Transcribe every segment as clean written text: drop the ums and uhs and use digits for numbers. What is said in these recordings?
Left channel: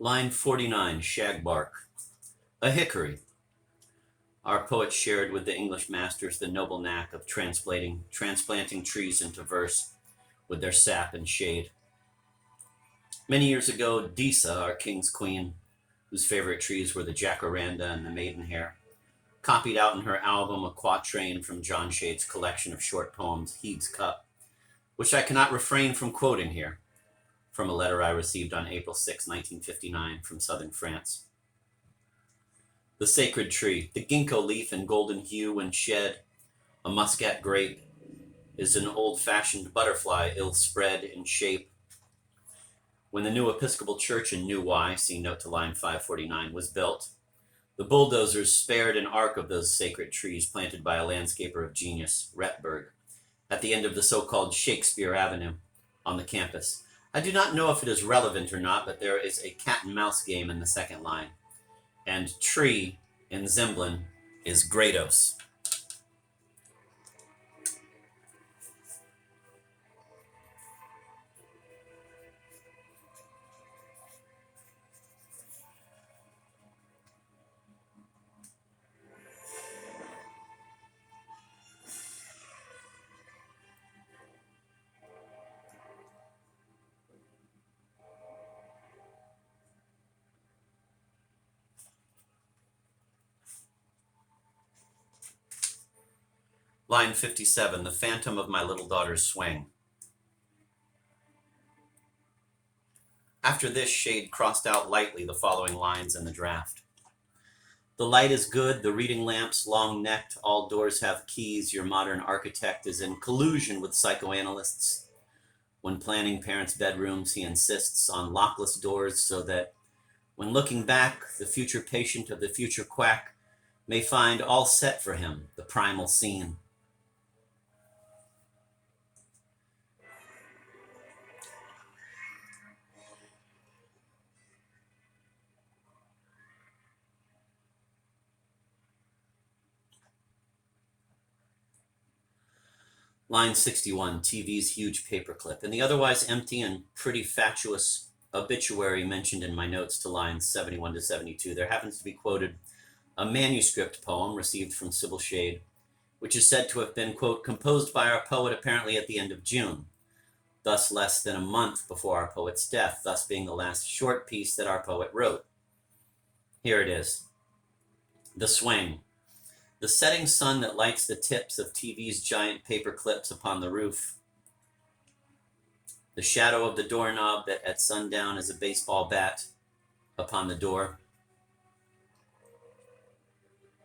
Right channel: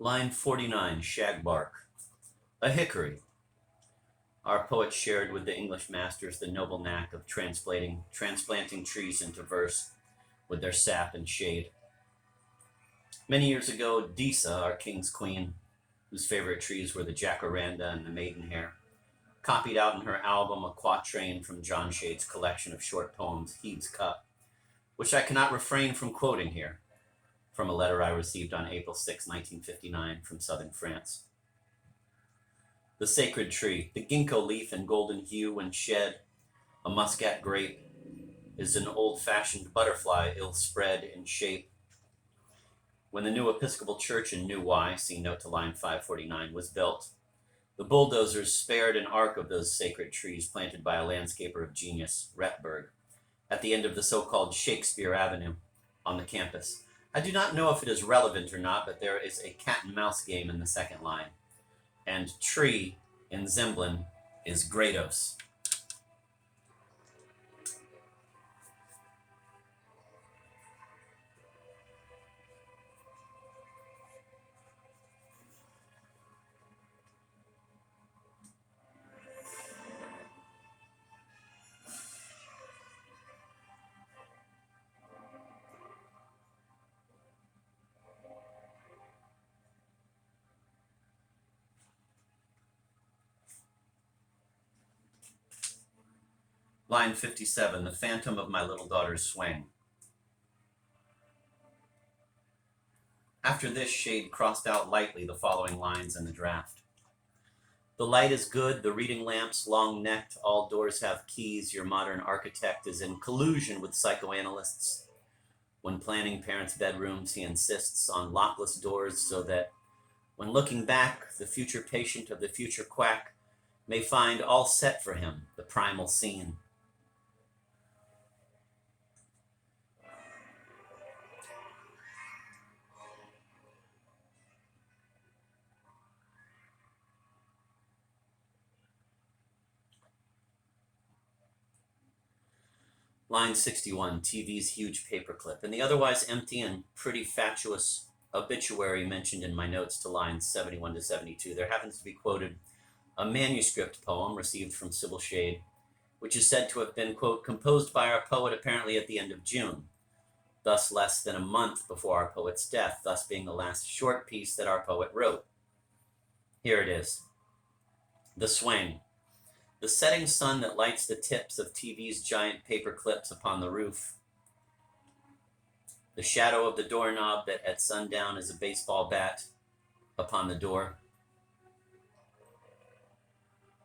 Line 49, Shagbark. A hickory. Our poet shared with the English masters the noble knack of transplanting trees into verse with their sap and shade. Many years ago, Disa, our king's queen, whose favorite trees were the jacaranda and the maidenhair, copied out in her album a quatrain from John Shade's collection of short poems, Hebe's Cup, which I cannot refrain from quoting here, from a letter I received on April 6, 1959, from southern France. The sacred tree, the ginkgo leaf in golden hue when shed, a muscat grape, is an old-fashioned butterfly ill spread in shape. When the new Episcopal Church in New Y, see note to line 549, was built, the bulldozers spared an arc of those sacred trees planted by a landscaper of genius, Retberg, at the end of the so-called Shakespeare Avenue on the campus. I do not know if it is relevant or not, but there is a cat and mouse game in the second line. And tree in Zemblin is Grados. Line 57, the phantom of my little daughter's swing. After this, Shade crossed out lightly the following lines in the draft. The light is good, the reading lamp's long-necked, all doors have keys, your modern architect is in collusion with psychoanalysts. When planning parents' bedrooms, he insists on lockless doors so that when looking back, the future patient of the future quack may find all set for him, the primal scene. Line 61, TV's huge paperclip. In the otherwise empty and pretty fatuous obituary mentioned in my notes to lines 71 to 72, there happens to be quoted a manuscript poem received from Sybil Shade, which is said to have been, quote, composed by our poet apparently at the end of June, thus less than a month before our poet's death, thus being the last short piece that our poet wrote. Here it is. The Swing. The setting sun that lights the tips of TV's giant paper clips upon the roof. The shadow of the doorknob that at sundown is a baseball bat upon the door.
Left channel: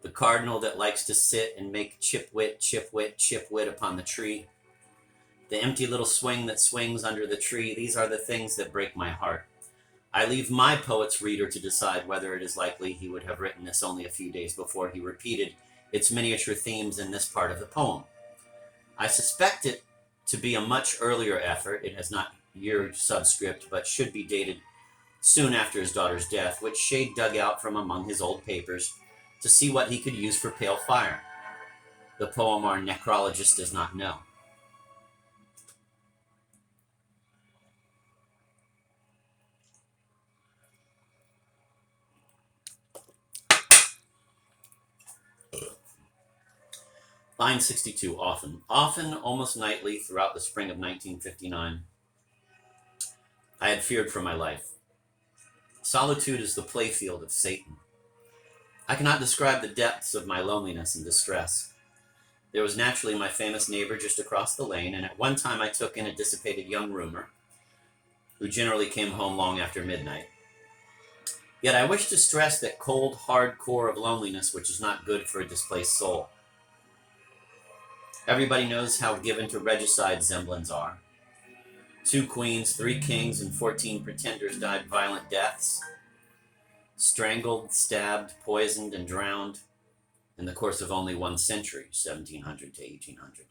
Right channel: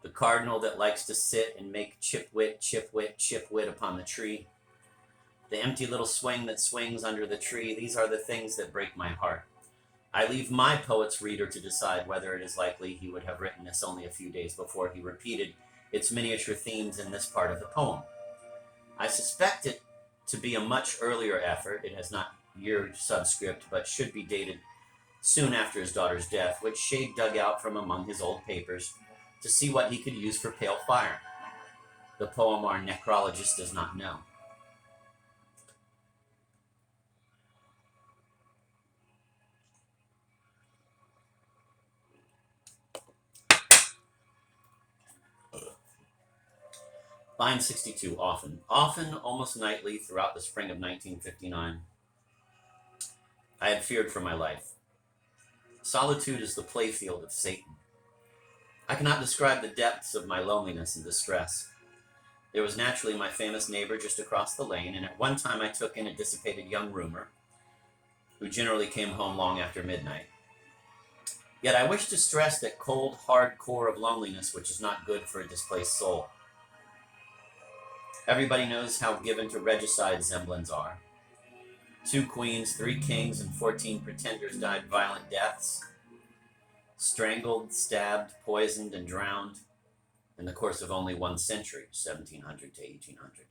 The cardinal that likes to sit and make chip-wit, chip-wit, chip-wit upon the tree. The empty little swing that swings under the tree. These are the things that break my heart. I leave my poet's reader to decide whether it is likely he would have written this only a few days before he repeated its miniature themes in this part of the poem. I suspect it to be a much earlier effort. It has not year subscript, but should be dated soon after his daughter's death, which Shade dug out from among his old papers to see what he could use for pale fire. The poem our necrologist does not know. Line 62, often, almost nightly throughout the spring of 1959, I had feared for my life. Solitude is the playfield of Satan. I cannot describe the depths of my loneliness and distress. There was naturally my famous neighbor just across the lane, and at one time I took in a dissipated young roomer, who generally came home long after midnight. Yet I wish to stress that cold, hard core of loneliness which is not good for a displaced soul. Everybody knows how given to regicide Zemblins are. 2 queens, 3 kings, and 14 pretenders died violent deaths, strangled, stabbed, poisoned, and drowned in the course of only one century, 1700 to 1800.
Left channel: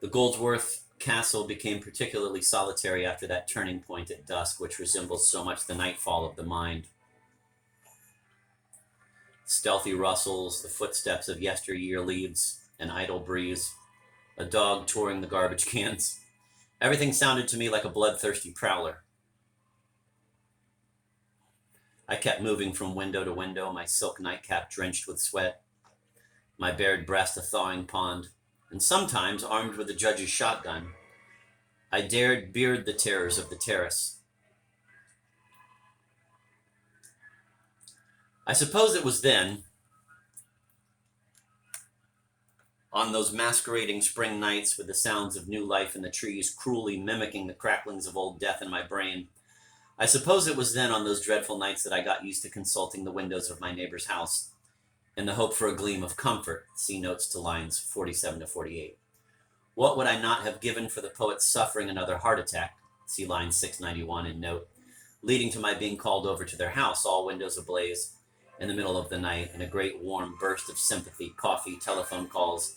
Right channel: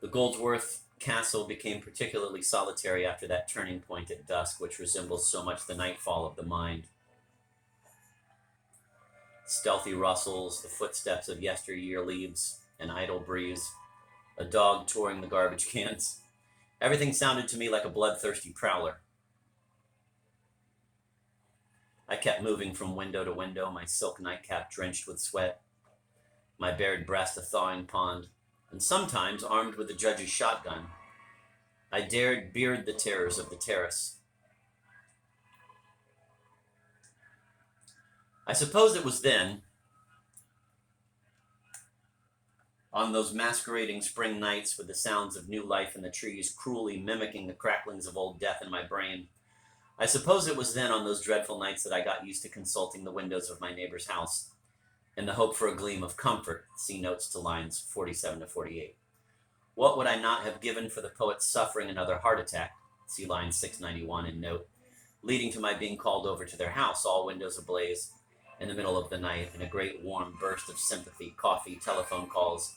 The Goldsworth Castle became particularly solitary after that turning point at dusk, which resembles so much the nightfall of the mind. Stealthy rustles, the footsteps of yesteryear leaves, an idle breeze, a dog touring the garbage cans. Everything sounded to me like a bloodthirsty prowler. I kept moving from window to window, my silk nightcap drenched with sweat, my bared breast a thawing pond, and sometimes, armed with the judge's shotgun, I dared beard the terrors of the terrace. I suppose it was then, on those masquerading spring nights with the sounds of new life in the trees cruelly mimicking the cracklings of old death in my brain, I suppose it was then on those dreadful nights that I got used to consulting the windows of my neighbor's house in the hope for a gleam of comfort, see notes to lines 47 to 48. What would I not have given for the poet suffering another heart attack, see line 691 in note, leading to my being called over to their house, all windows ablaze, in the middle of the night, in a great warm burst of sympathy, coffee, telephone calls,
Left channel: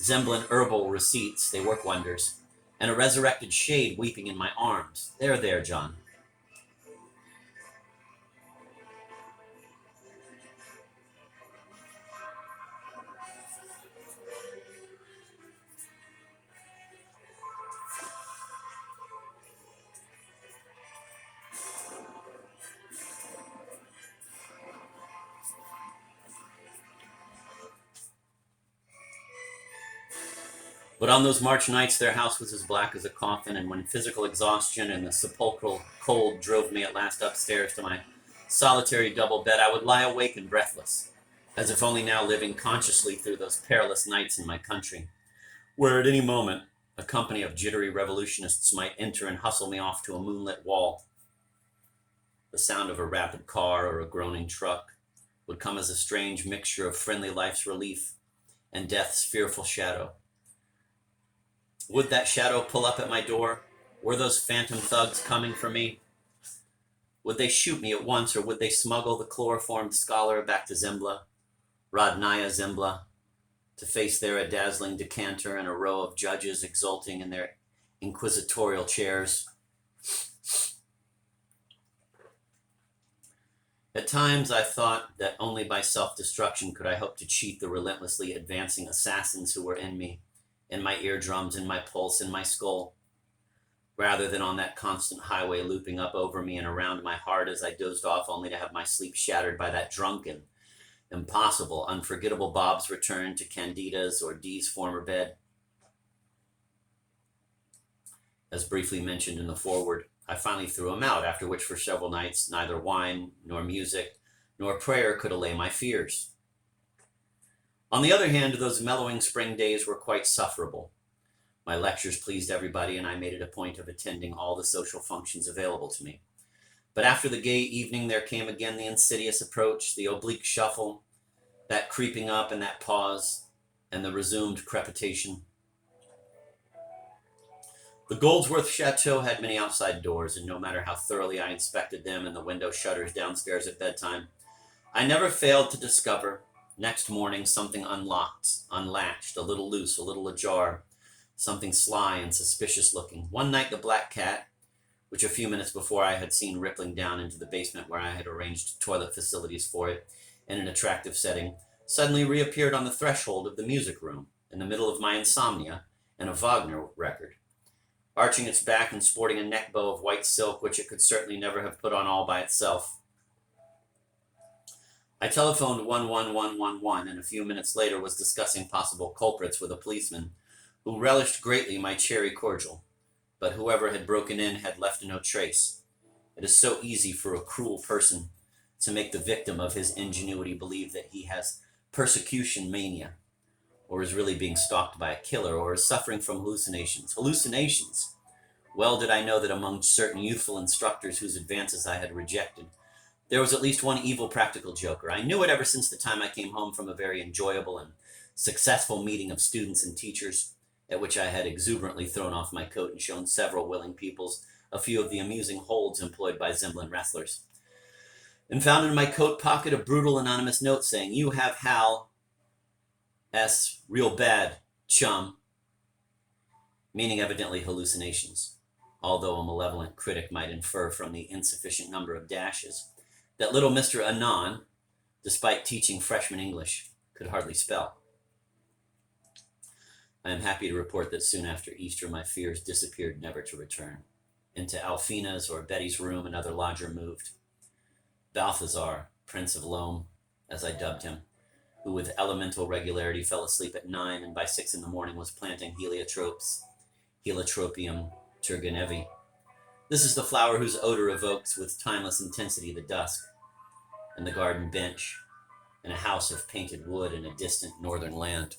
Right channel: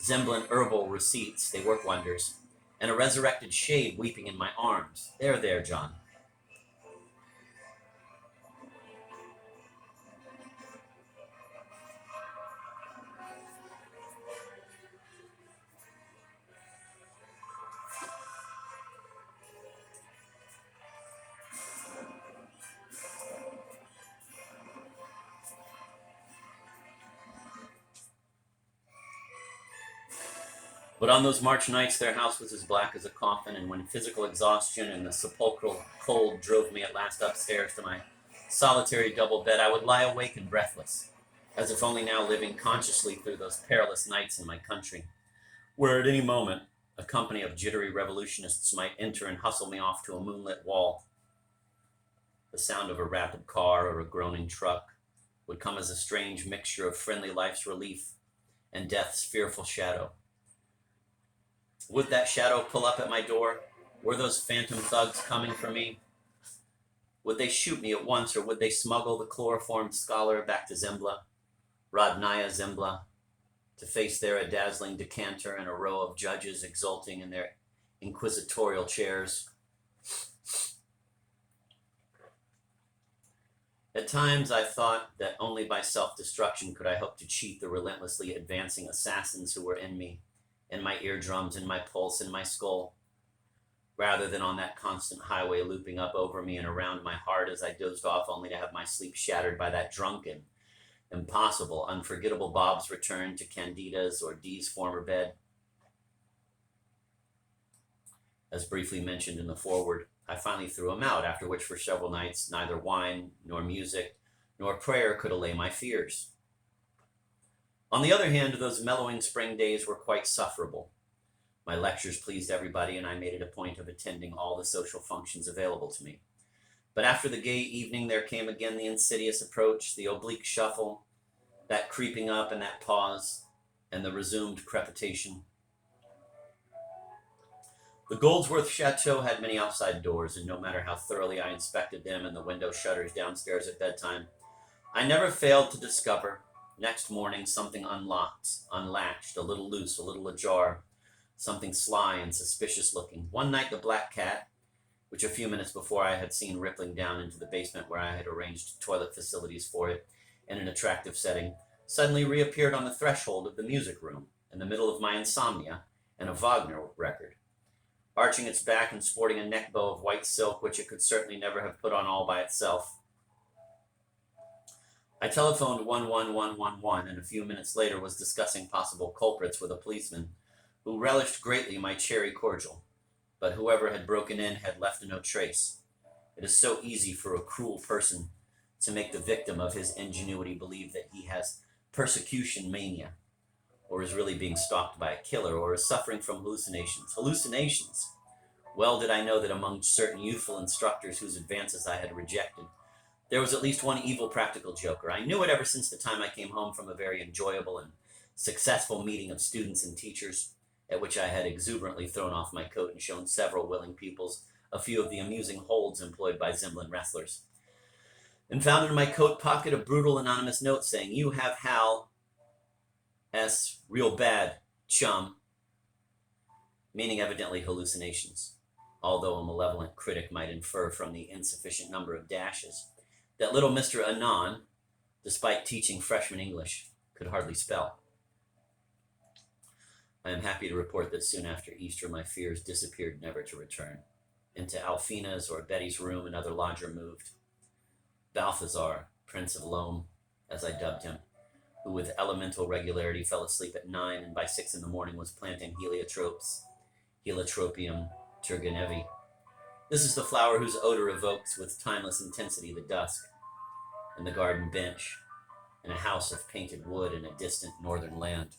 Zemblan herbal receipts, they work wonders, and a resurrected shade weeping in my arms. There, John. But on those March nights, their house was as black as a coffin, and when physical exhaustion and the sepulchral cold drove me at last upstairs to my solitary double bed, I would lie awake and breathless, as if only now living consciously through those perilous nights in my country, where at any moment a company of jittery revolutionists might enter and hustle me off to a moonlit wall. The sound of a rapid car or a groaning truck would come as a strange mixture of friendly life's relief and death's fearful shadow. Would that shadow pull up at my door? Were those phantom thugs coming for me? Would they shoot me at once, or would they smuggle the chloroformed scholar back to Zembla, Rodnaya Zembla, to face there a dazzling decanter and a row of judges exulting in their inquisitorial chairs? At times I thought that only by self-destruction could I hope to cheat the relentlessly advancing assassins who were in me, in my eardrums, in my pulse, in my skull, rather than on that constant highway looping up over me and around my heart as I dozed off only to have my sleep shattered by that drunken, impossible, unforgettable Bob's return to Candida's or Dee's former bed. As briefly mentioned in the foreword, I finally threw him out, after which for several nights neither wine, nor music, nor prayer could allay my fears. On the other hand, those mellowing spring days were quite sufferable. My lectures pleased everybody, and I made it a point of attending all the social functions available to me. But after the gay evening, there came again the insidious approach, the oblique shuffle, that creeping up and that pause, and the resumed crepitation. The Goldsworth Chateau had many outside doors, and no matter how thoroughly I inspected them and the window shutters downstairs at bedtime, I never failed to discover, next morning, something unlocked, unlatched, a little loose, a little ajar, something sly and suspicious looking. One night the black cat, which a few minutes before I had seen rippling down into the basement where I had arranged toilet facilities for it in an attractive setting, suddenly reappeared on the threshold of the music room in the middle of my insomnia and a Wagner record, arching its back and sporting a neck bow of white silk which it could certainly never have put on all by itself. I telephoned 11111 and a few minutes later was discussing possible culprits with a policeman who relished greatly my cherry cordial, but whoever had broken in had left no trace. It is so easy for a cruel person to make the victim of his ingenuity believe that he has persecution mania, or is really being stalked by a killer, or is suffering from hallucinations. Hallucinations! Well did I know that among certain youthful instructors whose advances I had rejected, there was at least one evil practical joker. I knew it ever since the time I came home from a very enjoyable and successful meeting of students and teachers, at which I had exuberantly thrown off my coat and shown several willing pupils a few of the amusing holds employed by Zemblan wrestlers, and found in my coat pocket a brutal anonymous note saying, "You have Hal S. real bad, chum," meaning evidently hallucinations, although a malevolent critic might infer from the insufficient number of dashes that little Mr. Anon despite teaching freshman English, could hardly spell. I am happy to report that soon after Easter, my fears disappeared, never to return. Into Alfina's or Betty's room, another lodger moved. Balthazar, Prince of Loam, as I dubbed him, who with elemental regularity fell asleep at 9 and by 6 in the morning was planting heliotropes, Heliotropium turgenevi. This is the flower whose odor evokes with timeless intensity the dusk, and the garden bench, and a house of painted wood in a distant northern land.